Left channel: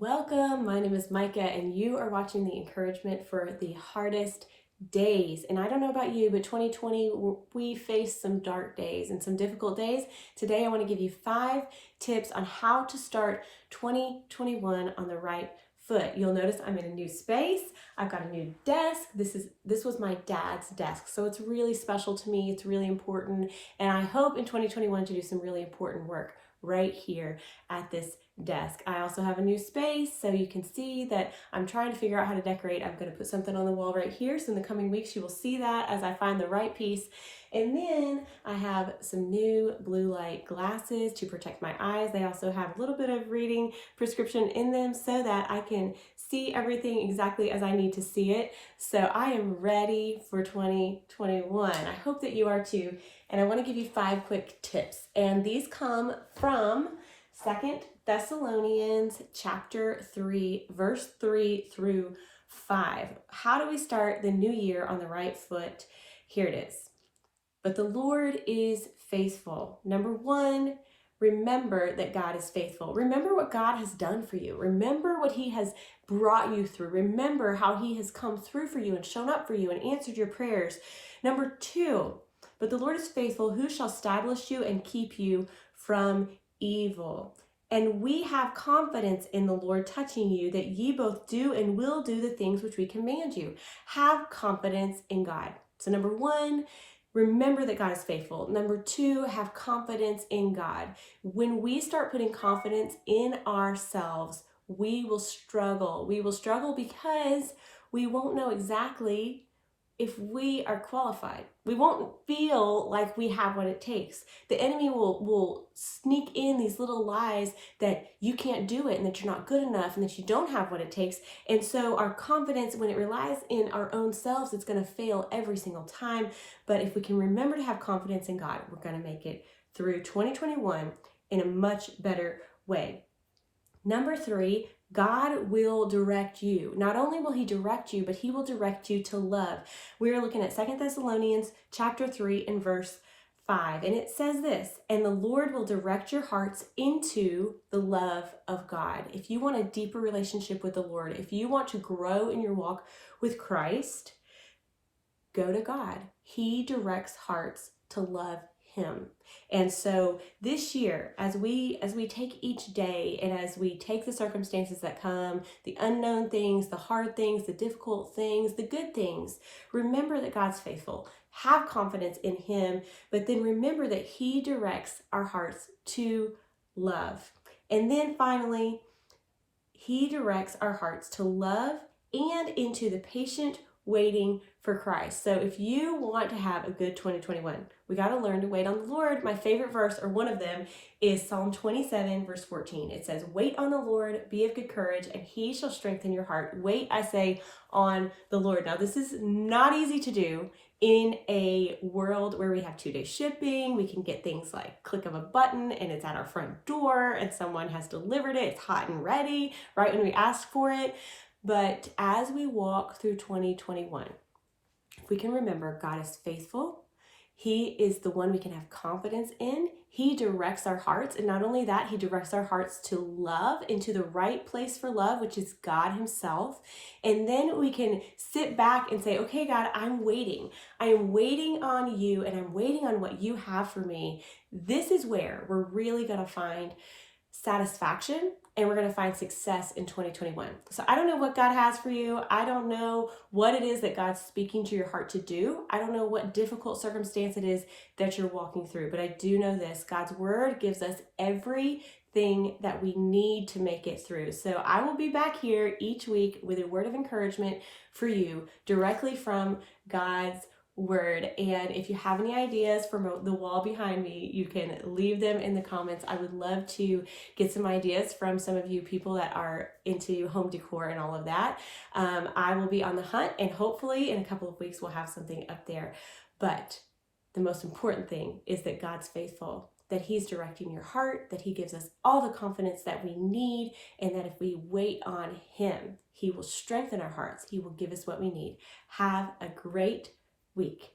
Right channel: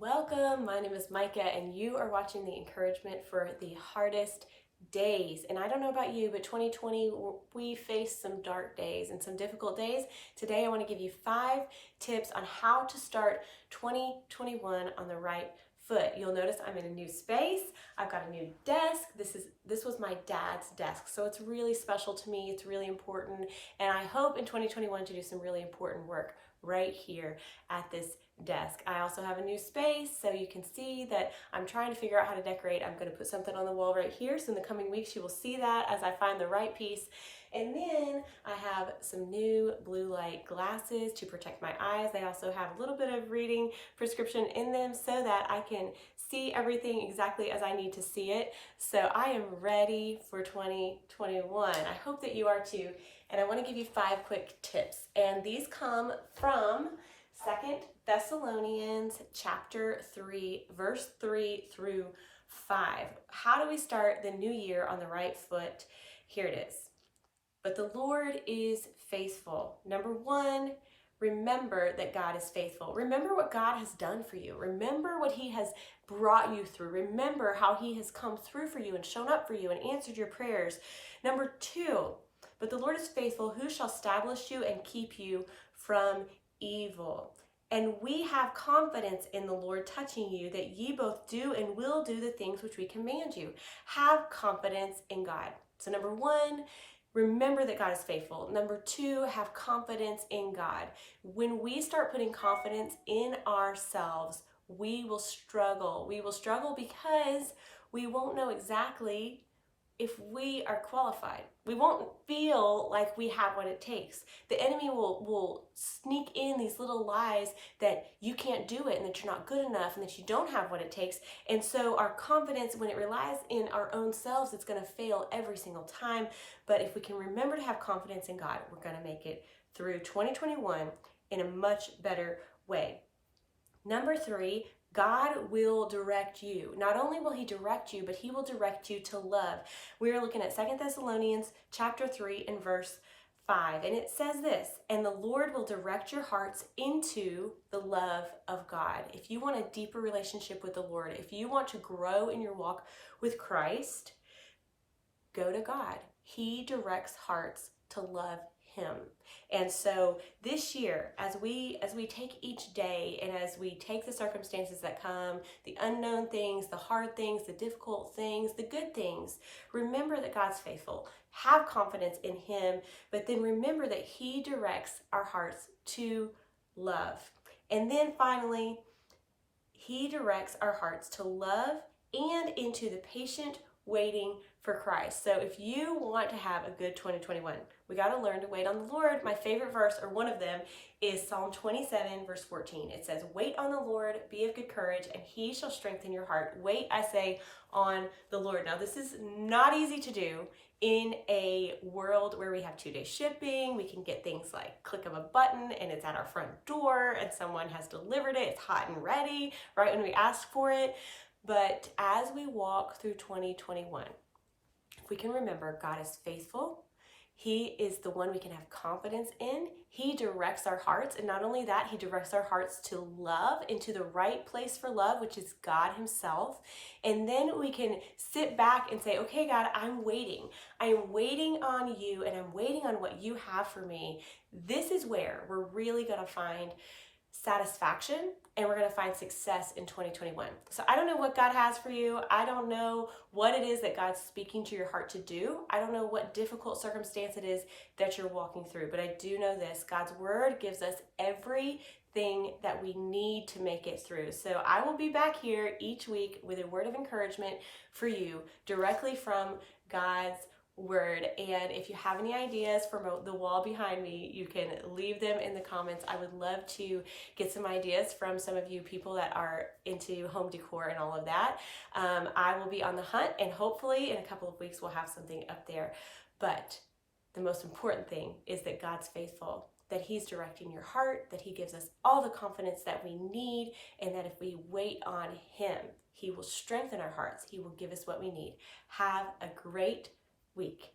Welcome, my name is Micah and you are watching the encouragement for the hardest days. And I don't know about you, but 2020, we faced some dark days and some difficult days. Today I want to give you 5 tips on how to start 2021 on the right foot. You'll notice I'm in a new space. I've got a new desk. This was my dad's desk, so it's really special to me. It's really important, and I hope in 2021 to do some really important work right here at this desk. I also have a new space, so you can see that I'm trying to figure out how to decorate. I'm going to put something on the wall right here, so in the coming weeks you will see that as I find the right piece. And then I have some new blue light glasses to protect my eyes. They also have a little bit of reading prescription in them so that I can see everything exactly as I need to see it. So I am ready for 2021. I hope that you are too. And I want to give you 5 quick tips. And these come from 2 Thessalonians chapter 3, verse 3 through 5. How do we start the new year on the right foot? Here it is. But the Lord is faithful. Number 1, remember that God is faithful. Remember what God has done for you. Remember what He has brought you through. Remember how He has come through for you and shown up for you and answered your prayers. Number 2, but the Lord is faithful, who shall establish you and keep you from evil. And we have confidence in the Lord touching you, that ye both do and will do the things which we command you. Have confidence in God. So number 1, remember that God is faithful. Number 2, have confidence in God. When we start putting confidence in ourselves, we will struggle. We will struggle because we won't know exactly if we are qualified. We won't feel like we have what it takes. The enemy will sneak in these little lies that you can't do it and that you're not good enough and that you don't have what it takes. And so our confidence, when it relies in our own selves, it's going to fail every single time. But if we can remember to have confidence in God, we're going to make it through 2021 in a much better way. Number 3, God will direct you. Not only will He direct you, but He will direct you to love. We're looking at 2 Thessalonians chapter 3 and verse 5. And it says this, and the Lord will direct your hearts into the love of God. If you want a deeper relationship with the Lord, if you want to grow in your walk with Christ, go to God. He directs hearts to love Him. And so this year, as we take each day and as we take the circumstances that come, the unknown things, the hard things, the difficult things, the good things, remember that God's faithful. Have confidence in Him, but then remember that He directs our hearts to love. And then finally, He directs our hearts to love and into the patient waiting for Christ. So if you want to have a good 2021, we got to learn to wait on the Lord. My favorite verse, or one of them, is Psalm 27, verse 14. It says, wait on the Lord, be of good courage, and He shall strengthen your heart. Wait, I say, on the Lord. Now, this is not easy to do in a world where we have 2-day shipping. We can get things like click of a button and it's at our front door and someone has delivered it. It's hot and ready right when we ask for it. But as we walk through 2021, if we can remember, God is faithful. He is the one we can have confidence in. He directs our hearts. And not only that, He directs our hearts to love, into the right place for love, which is God Himself. And then we can sit back and say, okay, God, I'm waiting. I am waiting on You, and I'm waiting on what You have for me. This is where we're really going to find satisfaction, and we're going to find success in 2021. So I don't know what God has for you. I don't know what it is that God's speaking to your heart to do. I don't know what difficult circumstance it is that you're walking through, but I do know this: God's word gives us everything that we need to make it through. So I will be back here each week with a word of encouragement for you directly from God's word. And if you have any ideas from the wall behind me, you can leave them in the comments. I would love to get some ideas from some of you people that are into home decor and all of that. I will be on the hunt, and hopefully in a couple of weeks we'll have something up there. But the most important thing is that God's faithful, that He's directing your heart, that He gives us all the confidence that we need, and that if we wait on Him, He will strengthen our hearts. He will give us what we need. Have a great week.